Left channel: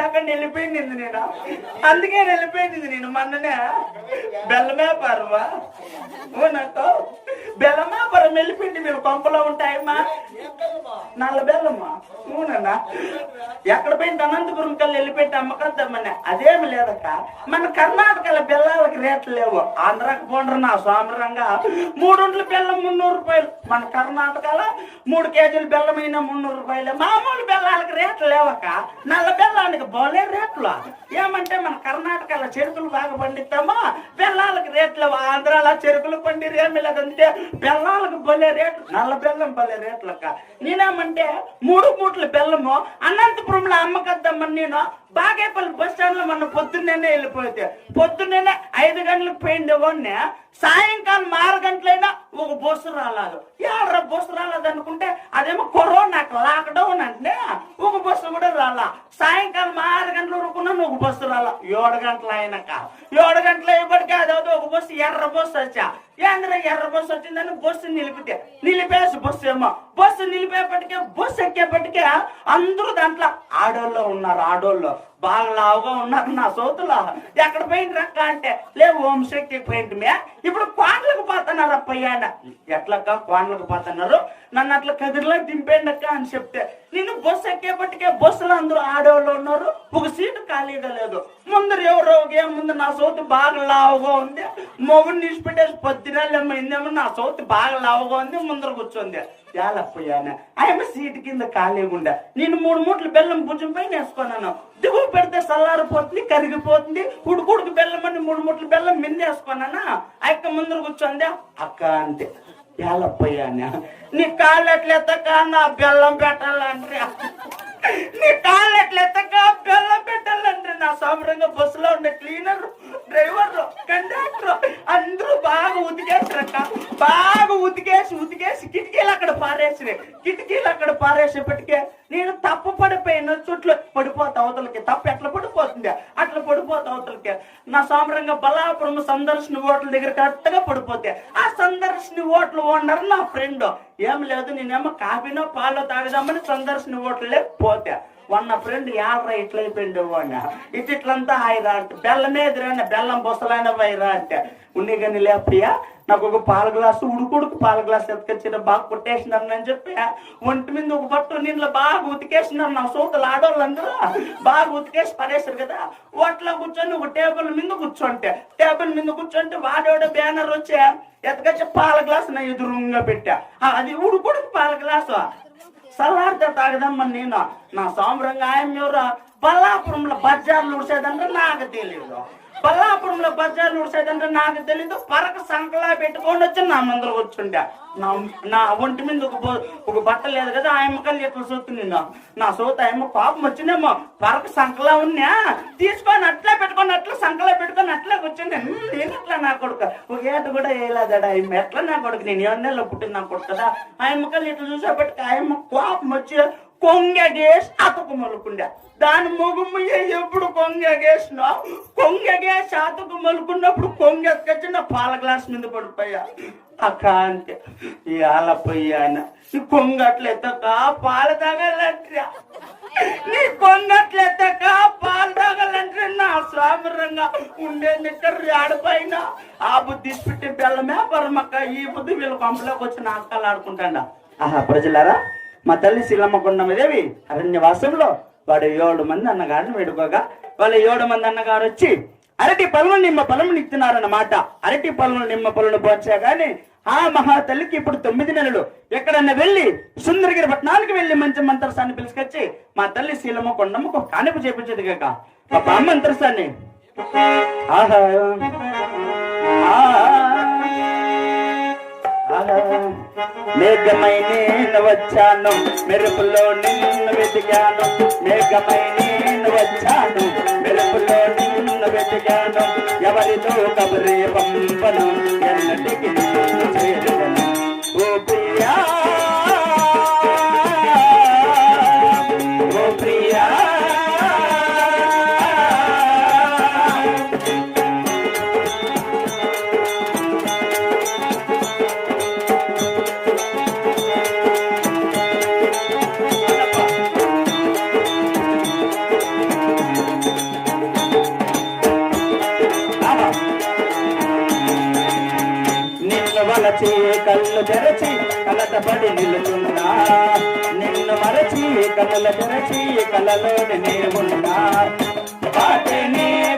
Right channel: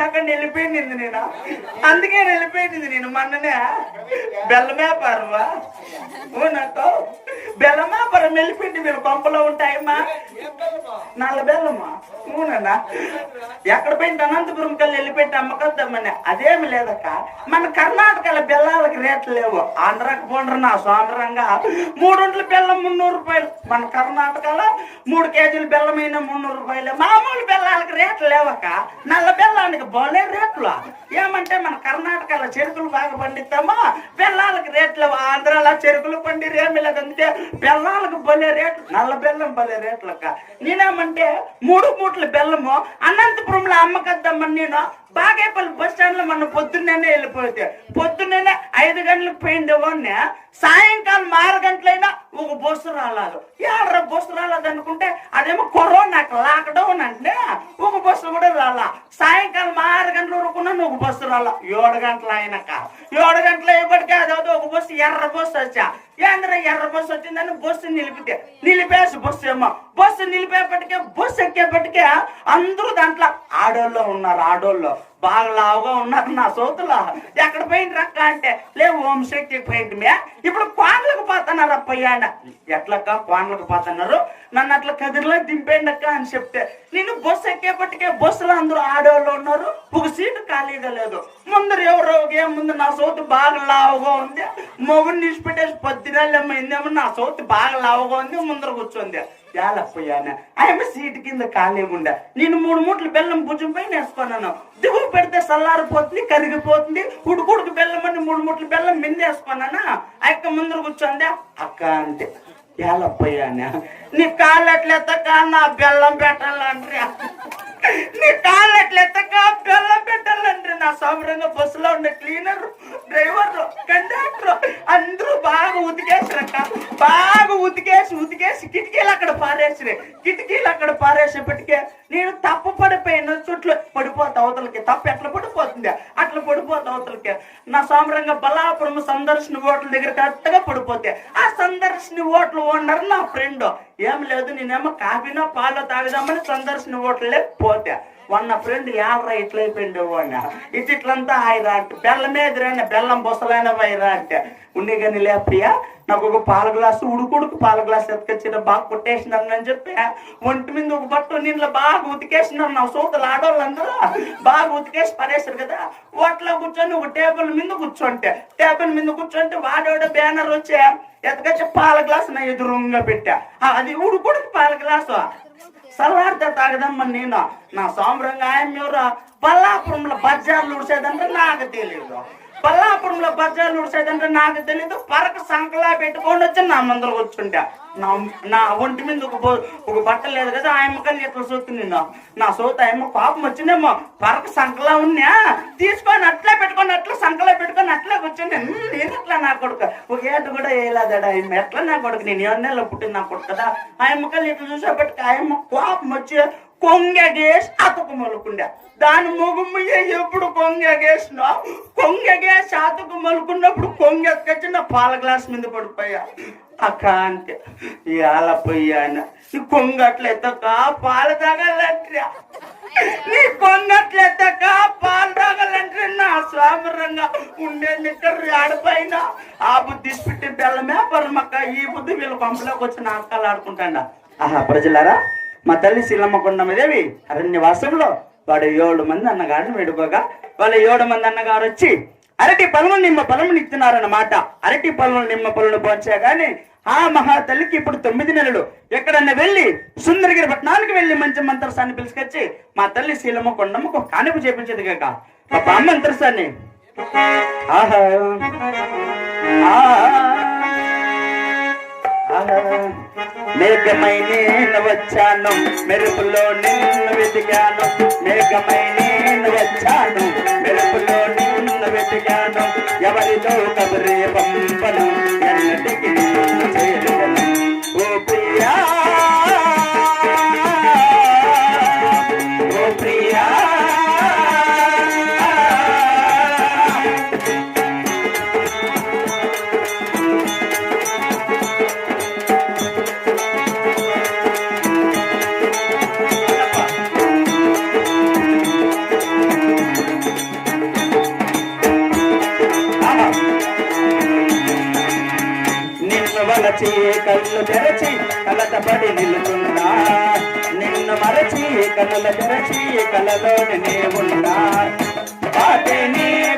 దాకా వెళ్ళిపోయింది నేను? అందుకే వెళ్ళిపోయింది నేను మొన్ననే. బెల్లమే వ్యాపారమా అవునంటో బెల్లం వ్యాపారం వెళ్ళిపోయింది మీరు? పంపలో ఉంటాయమ్మా నల్ల బెల్లమ్మా అవునన్నా ఎక్కడ పోయింది? అనంతపురం కల్లి వెళ్ళిపోయింది అమ్మకద్దామని అదేమి లేదక్క. మన కర్ణాటకలో బెల్లాలకు రేట్లు లేవు. ఆంధ్రాకి పోండ్రు నా సోమరంగా మూడొంట్ల బెల్లం మున్నూరు రూపాయలు. మన కర్ణాటకలో మూడు కేజీలు బెల్లం అయినా మున్నూరు రూపాయలు. మామూలు బెల్లాలకు రేట్లు లేవక్క. నల్ల బెల్లానికి బోలే రేట్లు ఏమంటే మన కర్ణాటకలో చెరుకులు బాగా పండిస్తామా? బెల్లాలకు రేట్లు ఆంధ్రాలో చెరుకులు పండి ఏమి లేదంటే బెల్లాలకు బలే రేట్లు నల్ల బెల్లం బలే రేట్లు అక్క నేనేమంటే మూడు మూట్ల బెల్లము అనంతపురంలో అమ్మకద్దమ్మని నేను బాగేపల్లి బస్ స్టాండ్లో మన పొద్దున్నే వెళ్ళిపోతే పొద్దున్నే ఐదు గంటలకు పోయింది సాయంకాలం ఆరు గంటలైనా ఒక బస్సు రాలేదు. ఎవరు బస్సు రాలేదు అనుకుంటే అదేమో కరోనా లాక్డౌన్ అంటే ఒక బస్సు కూడా రాలా. సాయంకాలం ఆరు గంటల వరకు ఉన్నాను ఒక బస్సు రాల. ఏడు గంటల అయినాక ఏడు గంటలు అయ్యేపటికే అదవుతుంది ఒక బస్సు ఎర్ర బస్సు వచ్చా. ఏంద్ర ఎర్ర బస్సు వచ్చిందని బస్సు నిలిపితే. నిలిపేసి బస్సు ఏమో. బస్సు నిలిపేపటికే బస్సు ఎక్కేపటికే అందరూ దాంట్లో ఆడోళ్ళు ఉన్నారు ఆడోళ్ళు. బాగా లావుగా ఉన్నారు నా సోతులో. ఎక్కడ పోయింది రక్క అంటే లేవు ఓం శక్తికి పోయింది ఇప్పుడు కోన్లకు పోతున్నారు అప్పయ్యాడ ఎట్లక్క కోన్లకు పోతున్నారు? నన్ను అట్లా కదిరిలో దింపేయండి అక్క అని చెప్తే. నేను బస్సు ఎక్కేపటికే బస్సులో అందరూ ఆడోళ్ళు ఉన్నారు లేదు ముందర ఎవరో ఏం ముందు నా సౌత్ బాగా లావుగా ఉంది. మొగుడిని నిలిచిపెట్టేసి పొద్దునేమో నా సౌత్ బాగా లావుగా ఉంది ముందర కూర్చోంది. ఏలపోయాను ఆయన సీటు కింద ఖాళీగా నేను మూడు మూట్లు బెల్లం భుజం పైన వేసుకున్నాను. దిగువ పెడితే చల్లారిపోతుంది కరిగిపోతుంది. ఉడుకుడుకు బెల్లం అని మూడు మూట్లు బెల్లం మింద వేసుకున్నానా? ఆ యొక్క ముందర కూర్చోంది? అక్క అంటే ఏలపోయాను నీ కాళ్ళు ఎట్లెత్తక? నా బెల్లం పెట్టాలంటే. నీ కాళ్ళు ఎట్లెత్తక? పెట్టాలంటే బస్సులో ఉండే క్లీనర్ డ్రైవర్ కండక్టర్ అందరూ బాగా ఉతికేసారక్క బాగా ఉతికేసి ఉతికేసి కిటికీలు అక్కడ పారేసినాయి. కిటికీలు అక్కడ పారేసేపటికే నేను తప్పు పడిపోయాను చుట్టూ పడిపోతా అవతలకి. తప్పు ఎట్లా పడిపోతుంది? అట్లా పడిపోతా అవతలకి. నా సోమరంగా బలాపురం సందర్శన ఓట్ల దగ్గర కరెక్ట్గా పడిపోతే ఆ సందర్శన ఓట్లు ఓనర్ నా ఫ్రెండ్. ఏం లేదు నేనేమో కాఫీనో పాలు తాగుదామని సందర్శన ఓట్లే పోతే. వన్న ఫ్రెండ్ ఎవరా ఇట్లా అయిపోయింది వాడిన ఇది ఇట్లంతా హాయిరా అంటే బెల్లం ఎదురైన బెల్లం బొసలైన వైరా అంటే. ఉండి కానీ లేపయ్యా నాకు ఒక పాల గ్లాసు ఉడుకుడుకు పాల గ్లాసు ఎత్తుకొచ్చిన బాగా కొట్టేసినాను అని చెప్పి. ఒంటి మీద ఒక బట్ట నీళ్ళు బాగా ఉతికేసినాను నా సోకులు ఆడవాళ్ళందరూ బాగా ఉతికేసి పడేసారు కదా. వాటిలో కూర్చొని ఒక టేబుల్ మీద కూర్చోంటే టేబుల్ మీద కూర్చోంటే వాడేవాడు బ్యానర్ వచ్చే ఎత్తుకొచ్చి పాల గ్లాసు నా ఎదురుగా పెట్టా. ఆ, అది ఉడుకుడుకు పాల గ్లాసు. సలార్త తాగదమ్మని నేను నా సాంబ్రంగా ఆయన ఎవరు బల్లాపురంలో బజార్లు ఉడిసేదంటే నాకు తెలియదు పల్లాపురంలో బజార్లు ఉడిసేదంటే నాకు తెలియదు పరకు సంకలా పెట్టుకొని వచ్చి నా ముందర వచ్చుండే నా నా ఒంటి మీద ఒక ఒక బట్ట లేదు కదా ఆ ఎమ్మకల్ని ఎట్లా సొత్తు నేను నా సోత అమ్మ పాపం వచ్చిందేమో. పరకు సంకలా ఉన్నా తీసుకొని అట్లా పెట్టుకొని అట్లా సంకలా పెట్టుకొని అట్లా కూర్చుంటే "హ్మ్, నేను ఎట్లా నా కొడుకు? ఒక ఏట కూడా వేయలేదడా ఆయన ఎట్లా నా కొడుకు? నేను ఎన్నెల్లో పుట్టిన నా కొడుకు కదా. ఆ ఎమ్మకల్ని ఎట్లా చూసేపటికి ఆ అమ్మ కోపం వచ్చి కొంగగేసి అతుకు మలుకుండా. దాని ముగుము ఎప్పుడు కొంగగేసినా కొంగగేసి అతుకు మలుకున్నప్పుడు కొంగెత్తుకొచ్చి నా పాల గ్లాస్ మీద పడిపోయా. అక్క అంటే ఇవాళ పోయాన ఈ కొంగట్లెత్తక పాలు తాగాలంటే నీ కొంగట్లెత్తక పాలు తాగాలంటే నా స్వామరంగా ఉండే నిక్కర్ ఆడపైన ఆ బుద్ధి పెట్టి తెల్లమే పరమక్క ఈ బుద్ధి వీళ్ళ పంపలోకి వచ్చిన అక్కలు ఆడుకుంటాడా. ఆహా ప్రజలారా మా తల్లి శీలమ్మ కొండమదేవి అరణ్యవాసంలో. వాడు ఏడు మంది అన్నగారిని వేడుకోగా వాళ్ళ ఏడు మంది అన్నగారు వచ్చి అరటి పలువులు నిమ్మ పొలము ఇస్తున్నారన్నమాట అరటి పలువులు నిమ్మ పొలను పోచా గాని ఆ మహా తల్లికి ఇప్పుడు తొమ్మిది నెలలు. ఎక్కడన్నా వెళ్ళి సుందరగిరి పట్టణానికి వెళ్ళి మంచి మంత్రసాన్ని పిలుచుకొచ్చి మా తల్లి శీలమ్మ కొండమ్మకు ఒక కానిపు చేపించదు కాక. పాప బామ్మ మంత్రసాన్ని. ఆహా. మేఘమై నేను వచ్చాను. మెరుపులో నిన్ను వెతికాను. మేఘమై నేను వచ్చాను. మెరుపులో నిన్ను వెతికాను. ఎవరితో కబరి పంపను. ఎన్నటికి ఓ ప్రియా కళ్ళు తెరచి కలతపడి నిలుతున్నా. నిన్ను మరచి కన్నుల తెరచి కలలోని నేవున్నా ఉన్నా. పాటే నీ